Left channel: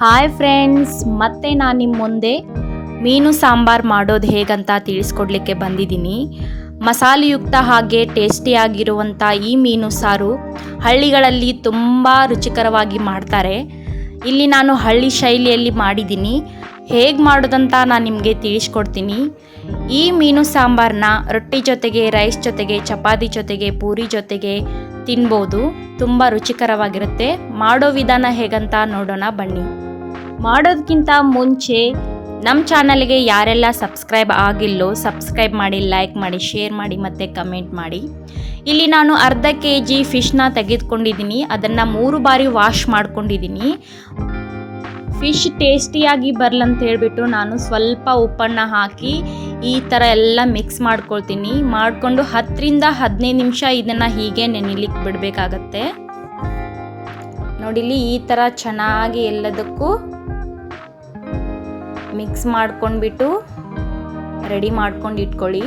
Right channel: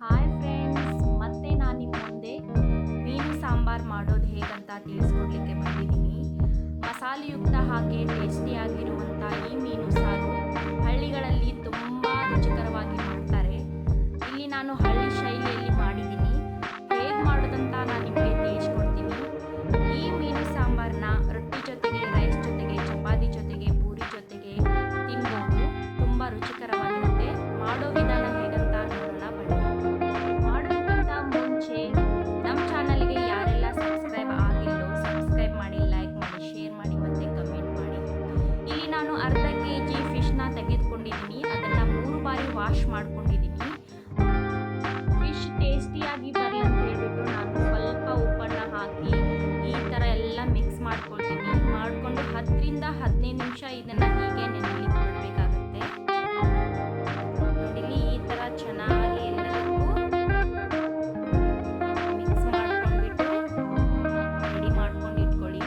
Hi friends, ಮತ್ತೆ ನಾನು ನಿಮ್ಮ ಮುಂದೆ ಮೀನು ಸಾಂಬಾರು ಮಾಡೋದು ಹೇಗಂತ ತಿಳಿಸ್ಕೊಡ್ಲಿಕ್ಕೆ ಬಂದಿದ್ದೀನಿ. ಮಸಾಲೆಯುಕ್ತ ಹಾಗೆ ಟೇಸ್ಟಿಯಾಗಿರುವಂಥ ಈ ಮೀನು ಸಾರು ಹಳ್ಳಿಗಳಲ್ಲಿ ತುಂಬ ರುಚಿಕರವಾಗಿ ಮಾಡ್ತಾರೆ. ಇಲ್ಲಿ ನಾನು ಹಳ್ಳಿ ಶೈಲಿಯಲ್ಲಿ ಮಾಡಿದ್ದೀನಿ. ಹೇಗೆ ಮಾಡೋದಂತ ನಾನು ನಿಮಗೆ ತಿಳಿಸ್ಕೊಡ್ತೀನಿ. ಈ ಮೀನು ಸಾಂಬಾರನ್ನ ರೊಟ್ಟಿ ಜೊತೆಗೆ, ರೈಸ್ ಜೊತೆಗೆ, ಚಪಾತಿ ಜೊತೆಗೆ, ಪೂರಿ ಜೊತೆಗೆ ತಿನ್ಬೋದು. ತುಂಬ ರುಚಿಕರವಾಗಿರುತ್ತೆ. ಮಾಡೋ ವಿಧಾನ ಹೇಗಂತ ನೋಡೋಣ ಬನ್ನಿ. ಮಾಡೋದಕ್ಕಿಂತ ಮುಂಚೆ ನಮ್ಮ ಚಾನಲ್ಗೆ ಯಾರೆಲ್ಲ ಸಬ್ಸ್ಕ್ರೈಬ್ ಆಗಿಲ್ಲೋ ಸಬ್ಸ್ಕ್ರೈಬ್ ಮಾಡಿ, ಲೈಕ್ ಮಾಡಿ, ಶೇರ್ ಮಾಡಿ ಮತ್ತು ಕಮೆಂಟ್ ಮಾಡಿ. ಇಲ್ಲಿ ನಾನು ಅರ್ಧ kg ಫಿಶ್ನ ತೆಗೆದುಕೊಂಡಿದ್ದೀನಿ. ಅದನ್ನು 3 ಬಾರಿ ವಾಶ್ ಮಾಡ್ಕೊಂಡಿದ್ದೀನಿ. ಫಿಶ್ ಟೇಸ್ಟಿಯಾಗಿ ಬರಲಂತ ಹೇಳ್ಬಿಟ್ಟು ನಾನು ಸ್ವಲ್ಪ ಉಪ್ಪನ್ನು ಹಾಕಿ ಈ ಥರ ಎಲ್ಲ ಮಿಕ್ಸ್ ಮಾಡ್ಕೊಳ್ತೀನಿ. ಮಾಡಿಕೊಂಡು 10 ರಿಂದ 15 ನಿಮಿಷ ಇದನ್ನು ಹೀಗೆ ನೆನೆಲಿಕ್ಕೆ ಬಿಡಬೇಕಾಗತ್ತೆ. ನೋಡಿಲಿ, ಈ ಥರ ಚೆನ್ನಾಗಿ ಎಲ್ಲದಕ್ಕೂ ಮಿಕ್ಸ್ ಮಾಡ್ಕೊಂಡ್ಬಿಟ್ಟು ರೆಡಿ ಮಾಡ್ಕೊಂಡು ಇಟ್ಕೊಳ್ಳಿ.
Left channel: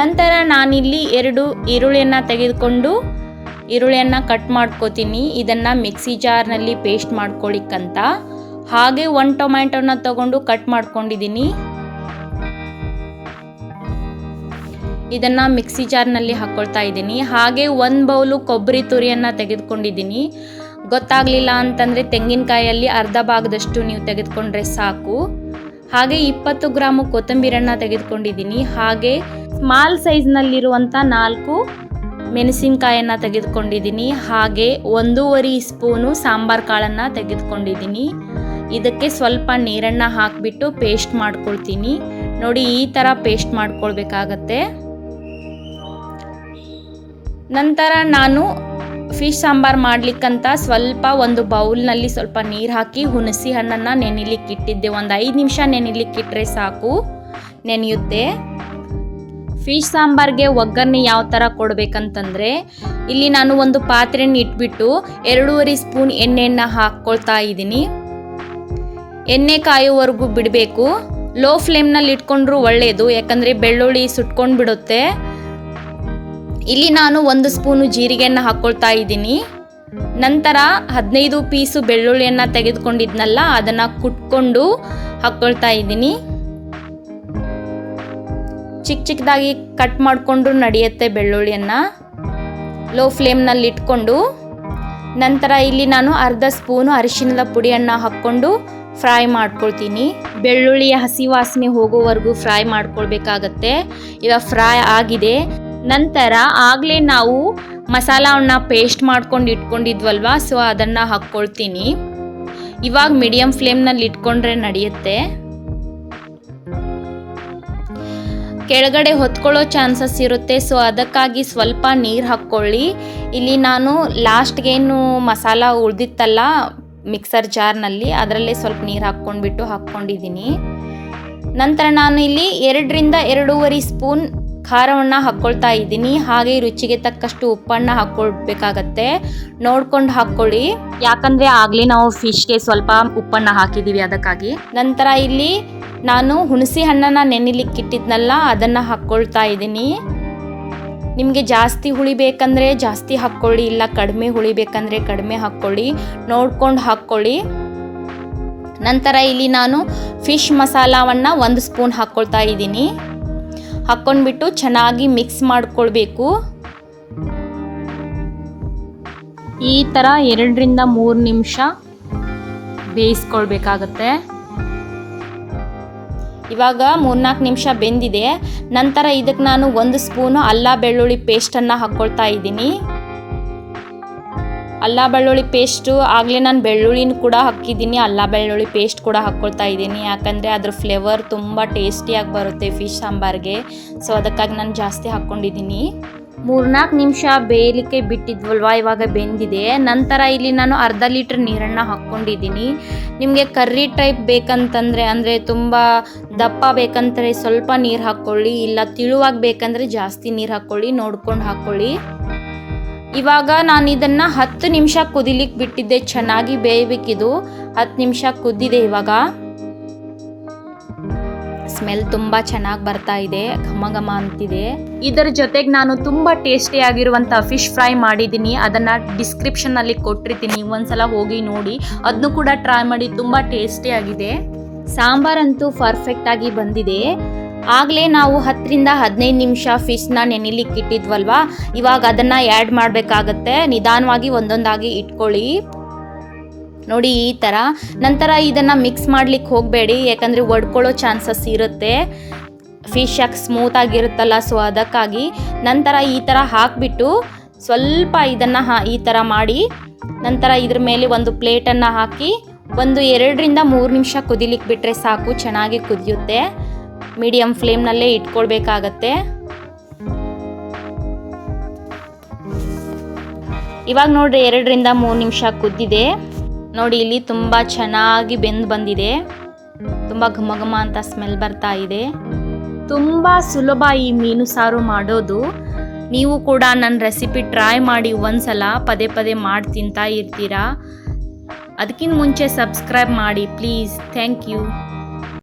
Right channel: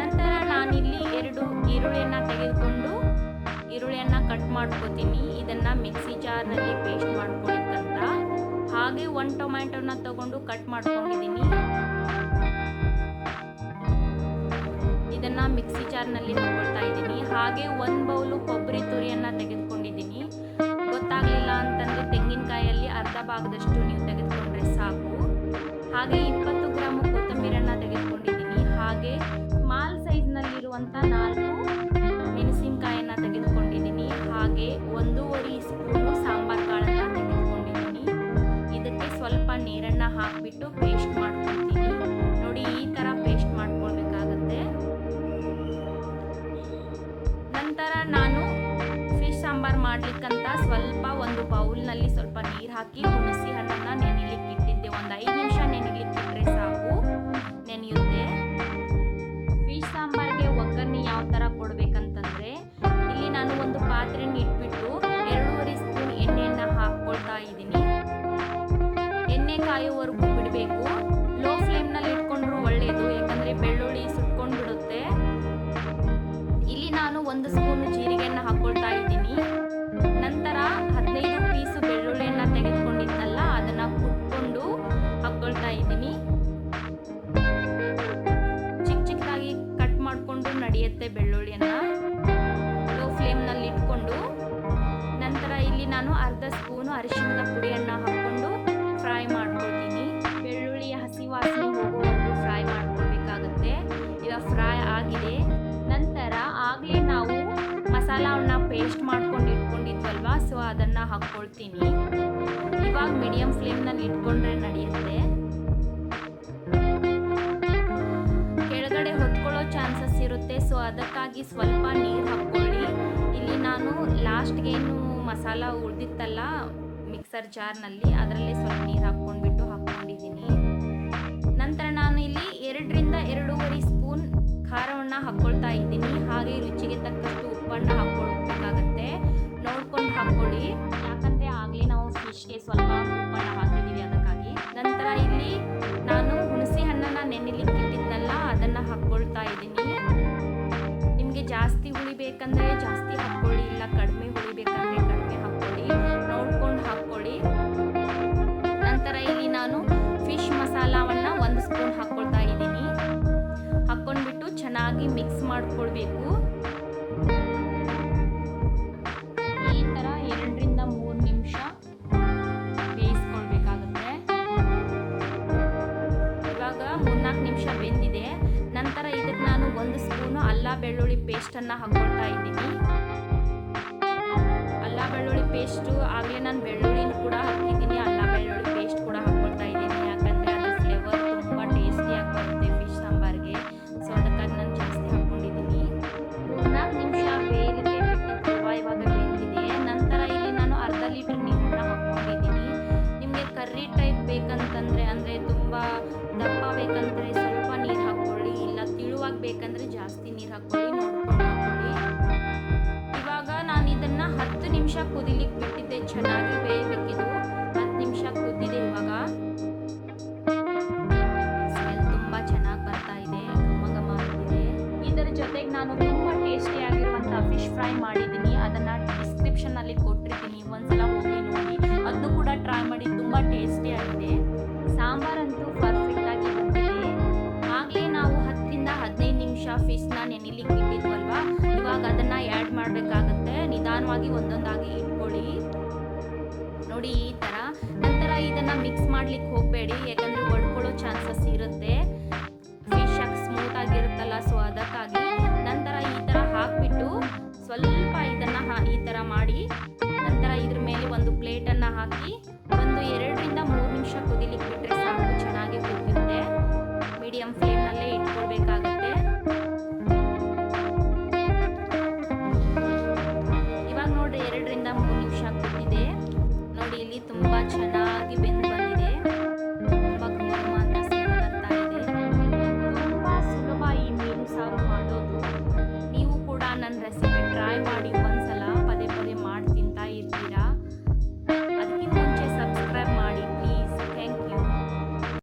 ನಂತರ ನಾನಿಲ್ಲಿ 2 ಈರುಳ್ಳಿಯನ್ನು ತೆಗೆದುಕೊಂಡು ಈರುಳ್ಳಿಯನ್ನು ಕಟ್ ಮಾಡ್ಕೋತೀನಿ. ಇದನ್ನು ಮಿಕ್ಸಿ ಜಾರ್ನಲ್ಲಿ ಪೇಸ್ಟ್ ಮಾಡ್ಕೊಳ್ಳಿಕ್ಕಂತ. ಹಾಗೆ 1 ಟೊಮ್ಯಾಟೋನ ತಗೊಂಡು ಕಟ್ ಮಾಡ್ಕೊಂಡಿದ್ದೀನಿ. ಇದನ್ನು ಮಿಕ್ಸಿ ಜಾರ್ನಲ್ಲಿ ಹಾಕ್ಕೊಳ್ತಾ ಇದ್ದೀನಿ. ಹಾಗೆ 1 ಬೌಲು ಕೊಬ್ಬರಿ ತುರಿಯನ್ನು ತೆಗೆದುಕೊಂಡಿದ್ದೀನಿ. ಗೊತ್ತಾಗಲಿಲ್ಲ ಅಂತಂದರೆ ತೆಂಗಿನಕಾಯಲ್ಲಿ ಅರ್ಧ ಭಾಗದಷ್ಟು ನೀವು ತೆಗೆದುಕೊಂಡ್ರೆ ಸಾಕು. ಹಾಗೆ 20 ಗ್ರಾಮು ಕೊತ್ತಂಬರಿಯನ್ನು ತೆಗೆದುಕೊಂಡಿದ್ದೀನಿ. ಹಾಗೆ ಸ್ಮಾಲ್ ಸೈಜ್ನಲ್ಲಿರುವಂಥ 4 ಮೆಣಸಿನಕಾಯನ್ನು ತೆಗೆದುಕೊಂಡಿದ್ದೀನಿ. ಹಾಗೆ 1.5 ಸ್ಪೂನು ಸಾಂಬಾರು ಕಾಳನ್ನು ತೆಗೆದುಕೊಂಡಿದ್ದೀನಿ. ಇದಕ್ಕೆ ಸ್ವಲ್ಪ ನೀರನ್ನು ಹಾಕಿಬಿಟ್ಟು ಪೇಸ್ಟ್ ಮಾಡ್ಕೊಳ್ತೀನಿ. ನೋಡಿ, ಈ ಥರ ಪೇಸ್ಟ್ ಮಾಡ್ಕೊಳ್ಬೇಕಾಗತ್ತೆ. ನಂತರ ನಾನು ಫಿಶ್ ಸಾಂಬಾರು ಮಾಡಲಿಕ್ಕಂತ ಸ್ವಲ್ಪ ಒಂದು ಬೌಲ್ನಲ್ಲಿ ಸ್ವಲ್ಪ ನೀರು ಹಾಕಿ ಹುಣಸೆ ಹಣ್ಣನ್ನು ನೆನೆಲಿಕ್ಕೆ ಇಟ್ಟಿದ್ದೆ. ಒಂದು 5 ನಿಮಿಷ ನೆನೆಲಿಕ್ಕೆ ಇಟ್ಟರೆ ಸಾಕು, ನೆನೆಯುತ್ತೆ. ಫಿಶ್ ಸಾಂಬಾರಿಗೆ ಒಗ್ಗರಣೆ ಯಾವ ಥರ ಕೊಡಬೇಕಂತಂದರೆ, ಇಲ್ಲಿ ನಾನು ಒಂದು ಪಾತ್ರೆನ ಇಟ್ಬಿಟ್ಟು 2.5 ಸ್ಪೂನ್ ಎಣ್ಣೆಯನ್ನು ಹಾಕ್ಕೊಳ್ತಾ ಇದ್ದೀನಿ. ಎಣ್ಣೆ ಕಾಯುವವರೆಗೂ ಬಿಡಬೇಕು. ಲೋ ಫ್ಲೇಮ್ನಲ್ಲಿ ಇಟ್ಕೊಂಡ್ರೂ ಒಳ್ಳೆಯದು, ಯಾಕಂದರೆ ಬೆಳ್ಳುಳ್ಳಿ ಸುಟ್ಕೊಂಡು ಬಿಡುತ್ತೆ. ಇಲ್ಲಿ ನಾನು 1 ಸ್ಪೂನು ಜೀರಿಗೆಯನ್ನು ಹಾಕ್ಕೊಳ್ತಾ ಇದ್ದೀನಿ. ನಂತರ 15 ಪೀಸು ಬೆಳ್ಳುಳ್ಳಿಯನ್ನು ತೆಗೆದುಕೊಂಡಿದ್ನಲ್ಲ, ಅದನ್ನು ಕುಟ್ಕೊಂಡು ಹಾಕ್ಕೊಳ್ತಾ ಇದ್ದೀನಿ. ಚಿಕ್ಕ ಚಿಕ್ಕದಾಗಿ ಕಟ್ ಮಾಡಿಕೊಂಡು ನಡೆಯುತ್ತೆ ಬೆಳ್ಳುಳ್ಳಿಯನ್ನು. ಲೋ ಫ್ಲೇಮ್ನಲ್ಲಿ ಇಟ್ಕೊಂಡು ನಂತರ ಇಲ್ಲಿ ನಾನು ಅರ್ಧ ಸ್ಪೂನು ಅರಿಶಿಣದ ಪುಡಿಯನ್ನು ಹಾಕ್ಕೊಂಡು ಫ್ರೈ ಮಾಡ್ಕೊಳ್ತೀನಿ. ಬೆಳ್ಳುಳ್ಳಿಯ ಹಸಿ ವಾಸನೆ ಹೋಗೋವರೆಗೂ ಫ್ರೈ ಮಾಡ್ಕೊಳ್ಬೇಕಾಗತ್ತೆ. ಇವಾಗ ಫ್ರೈ ಆಗಿದೆ. ನಂತರ ಆಗಲೇ ನಾವು ಮಸಾಲವನ್ನು ಪೇಸ್ಟ್ ಮಾಡ್ಕೊಂಡು ಇಟ್ಕೊಂಡಿದ್ವಲ್ವ, ಸೊ ಅದನ್ನು ಹಾಕ್ಕೊಳ್ತೀನಿ. ಇವಾಗ ಮೀಡಿಯಮ್ ಫ್ಲೇಮ್ನಲ್ಲಿ ಇಟ್ಕೊಂಡ್ರೆ ನಡೆಯುತ್ತೆ. ಕೆಳಗಡೆ ಹೊತ್ಕೊಳ್ಳೋ ಚಾನ್ಸಸ್ ಇರುತ್ತೆ, ಸೊ ಅದಕ್ಕಾಗಿ ಸ್ವಲ್ಪ ನೀರು ಹಾಕ್ಕೊಳ್ಳಿ. ಇಲ್ಲಿ ನಾನು ಲಾಸ್ಟ್ಗೇನು ಮಸಾಲ ಉಳಿದಿತ್ತಲ್ಲ ಮಿಕ್ಸರ್ ಜಾರ್ನಲ್ಲಿ, ಅದರಲ್ಲೇ ಸ್ವಲ್ಪ ನೀರು ಹಾಕ್ಕೊಂಡಿದ್ದೀನಿ. ನಂತರ ನಾನು ಇಲ್ಲಿ 2 ರಿಂದ 2.5 ಸ್ಪೂನ್ ಖಾರವನ್ನು ಹಾಕ್ಕೊಳ್ತಾ ಇದ್ದೀನಿ. ಹಾಗೆ ರುಚಿಗೆ ತಕ್ಕಷ್ಟು ಉಪ್ಪನ್ನು ಹಾಕ್ಕೊಳ್ಬೇಕಾಗತ್ತೆ. ನೋಡ್ಕೊಂಡು ಹಾಕ್ಕೊಳ್ಳಿ, ಯಾಕಂದರೆ ಆಗಲೇ ನಾವು ಫಿಶ್ಗೆ ಸ್ವಲ್ಪ ಉಪ್ಪನ್ನು ಹಾಕಿದ್ದೀವಿ, ಅದಕ್ಕಾಗಿ. ನಂತರ ಇಲ್ಲಿ ನಾನು ಹುಣಸೆ ಹಣ್ಣನ್ನು ನೆನೆಲಿಕ್ಕಿಟ್ಟಿದ್ನಲ್ಲ, ಅದನ್ನು ಹಾಕ್ಕೊಳ್ತಾ ಇದ್ದೀನಿ. ನಿಮಗೆ ಜಾಸ್ತಿ ಹುಳಿ ಬೇಕಂದರೆ ಜಾಸ್ತಿ ಹಾಕ್ಕೊಳ್ಳಿ, ಇಲ್ಲ ಕಡಿಮೆ ಹುಳಿ ಬೇಕಂದರೆ ಕಡಿಮೆ ಹಾಕ್ಕೊಳ್ಳಿ, ನೋಡ್ಕೊಂಡು ಹಾಕ್ಕೊಳ್ಳಿ. ನಂತರ ಇಲ್ಲಿ ನಾನು ಫಿಶ್ ಮಸಾಲವನ್ನು 1 ಸ್ಪೂನ್ ಹಾಕ್ಕೊಳ್ತಾ ಇದ್ದೀನಿ. ಹಾಕ್ಕೊಂಡ್ಬಿಟ್ಟು ಚೆನ್ನಾಗಿ ಮಿಕ್ಸ್ ಮಾಡ್ಕೊಳ್ಬೇಕು. ಈ ಥರ 2 ರಿಂದ 3 ನಿಮಿಷ ಬೇಯಿಸ್ಕೊಳ್ಬೇಕಾಗತ್ತೆ. ಇವಾಗ 3-4 ನಿಮಿಷ ಬೆಂದಿದೆ. ನಂತರ ಇದಕ್ಕೆ ನಾನು 1 ಸ್ಪೂನು ಅಲ್ಲ ಬೆಳ್ಳುಳ್ಳಿ ಪೇಸ್ಟನ್ನು ಹಾಕ್ಕೊಳ್ತಾ ಇದ್ದೀನಿ. ಅಲ್ಲ ಬೆಳ್ಳುಳ್ಳಿ ಪೇಸ್ಟು ಆಗಲೇ ನಾನು ಬೆಳ್ಳುಳ್ಳಿನ ಕೂಡ ಹಾಕಿದ್ದೀನಿ, ಅಲ್ಲ ಬೆಳ್ಳುಳ್ಳಿ ಪೇಸ್ಟ್ ಕೂಡ ಹಾಕ್ಕೊಳ್ತಾ ಇದ್ದೀನಿ. ಯಾಕಂದರೆ ಅದ್ರ ಫ್ಲೇವರ್ ತುಂಬ ಟೇಸ್ಟಿಯಾಗಿ ಬರುತ್ತೆ ಫಿಶ್ ಸಾಂಬಾರಿಗೆ, ಸೊ ಅದಕ್ಕಾಗಿ ನಾನು ಜಾಸ್ತಿ ಹಾಕ್ಕೊಂಡಿದ್ದೀನಿ. 3-4 ನಿಮಿಷ ಬೇಯಲಿಕ್ಕೆ ಬಿಟ್ಟಿದ್ವಲ್ವ, ಇವಾಗ ಬೆಂದಿದೆ. ನಂತರ ಇಲ್ಲಿ ನಾನು ಅರ್ಧ ಲೀಟ್ರ್ ನೀರನ್ನು ಹಾಕ್ಕೊಂಡಿದ್ದೀನಿ. ನಿಮಗೆ ಕರ್ರಿ ಟೈಪ್ ಬೇಕಂತಂದರೆ, ಅಂದರೆ ತುಂಬ ದಪ್ಪ ಬೇಕಂದರೆ ಸ್ವಲ್ಪ ನೀರು ಹಾಕ್ಕೊಳ್ಳಿ, ಇಲ್ಲ ತಿಳುವಾಗಿ ಬೇಕಂದರೆ ಜಾಸ್ತಿ ನೀರು ಹಾಕ್ಕೊಳ್ಳಿ, ನೋಡ್ಕೊಂಡು ಹಾಕ್ಕೊಳ್ಳಿ. ಇವಾಗ ನಾನು ಇದನ್ನು 10 ನಿಮಿಷ ಕುದಿಲಿಕ್ಕೆ ಬಿಟ್ಟಿದ್ದೆ. ಚೆನ್ನಾಗಿ ಬೇಯಬೇಕಿದು. 10 ನಿಮಿಷ ಕುದ್ದಿದೆ. ಇವಾಗ ಸ್ಮೆಲ್ ತುಂಬ ಚೆನ್ನಾಗಿ ಬರ್ತಾ ಇದೆ, ಘಮ ಘಮ ಅಂತಿದೆ. ಇದರ ಜೊತೆಗೆ ನಾನು ತುಂಬ ಟೇಸ್ಟಿಯಾಗಿರುವಂಥ ಫಿಶ್ ಫ್ರೈ ಮಾಡಿದ್ದೀನಿ, ಅದನ್ನು ಡಿಸ್ಕ್ರಿಪ್ಷನ್ನಲ್ಲಿ ಕೊಟ್ಟಿರ್ತೀನಿ, ಒಂದ್ಸಲ ಹೋಗಿ ನೋಡಿ, ಅದನ್ನು ಕೂಡ ಟ್ರೈ ಮಾಡಿ. ತುಂಬ ಟೇಸ್ಟಿಯಾಗಿದೆ. ಸಾಂಬಾರಂತೂ ಪರ್ಫೆಕ್ಟಾಗಿ ಬಂದಿದೆ. ಆಗಲೇ ನಾವು 10ರಿಂದ 15 ನಿಮಿಷ ಫಿಶ್ನ ನೆನೆಲಿಕ್ಕೆ ಇಟ್ಟಿದ್ವಲ್ವಾ, ಇವಾಗ ಅದನ್ನು ಆ್ಯಡ್ ಮಾಡಬೇಕಾಗತ್ತೆ. ನಿಧಾನವಾಗಿ ಒಂದೊಂದಾಗಿ ಇಟ್ಕೊಳ್ಳಿ ನೋಡಿ ಈ ಥರ. ನಂತರ ಇದನ್ನು ಮಿಕ್ಸ್ ಮಾಡಲಿಕ್ಕೆ ಹೋಗಬೇಡಿ, ಯಾಕಂದರೆ ಒಡ್ಕೊಳ್ಳೋ ಚಾನ್ಸಸ್ ಇರುತ್ತೆ. ಫಿಶ್ ಯಾಕೆ ಸ್ಮೂತಾಗಿರುತ್ತಲ್ಲ, ಸೊ ಅದಕ್ಕಾಗಿ. ನಂತರ ಈ ಥರ ಹಾಕಿಬಿಟ್ಟು ಸ್ವಲ್ಪ ಇದನ್ನು ಈ ಥರ ಮಾಡಿ, ನಂತರ ಇದ್ರ ಮೇಲೆ ಒಂದು ಪ್ಲೇಟನ್ನು ಹಾಕಿ ಒಂದು 2ರಿಂದ 3 ನಿಮಿಷ ಕುದಿಲಿಕ್ಕೆ ಬಿಟ್ಟರೆ ಸಾಕು, ಚೆನ್ನಾಗಿ ಕುದಿಯುತ್ತೆ. ಮೀಡಿಯಮ್ ಫ್ಲೇಮ್ನಲ್ಲೇ ಇಟ್ಕೊಳ್ಬೇಕಾಗತ್ತೆ. ಇವಾಗ ನೋಡ್ರಿ 2ರಿಂದ 3 ನಿಮಿಷ ಕುದ್ದಿದೆ ನೋಡಿ. ಇಲ್ಲಿ ತುಂಬ ಚೆನ್ನಾಗಿ ಬೆಂದು ಬಂದಿದೆ, ತುಂಬ ಘಮ ಘಮ ಅಂತ ಸ್ಮೆಲ್ ಬರ್ತಾ ಇದೆ. ತುಂಬ ಸುಲಭ ಈ ಮೀನು ಸಾರು ಮಾಡೋದು. ನೀವು ಕೂಡ ನನ್ನ ರೆಸಿಪಿ ಟ್ರೈ ಮಾಡಿ ಒಂದ್ಸಲ, ಪದೇ ಪದೇ ಮಾಡಿ ತಿಂತಾ ಇರ್ತೀರಾ. ಅದಕ್ಕಿಂತ ಮುಂಚೆ ಸಬ್ಸ್ಕ್ರೈಬ್ ಮಾಡಿ ಪ್ಲೀಸ್. Thank you.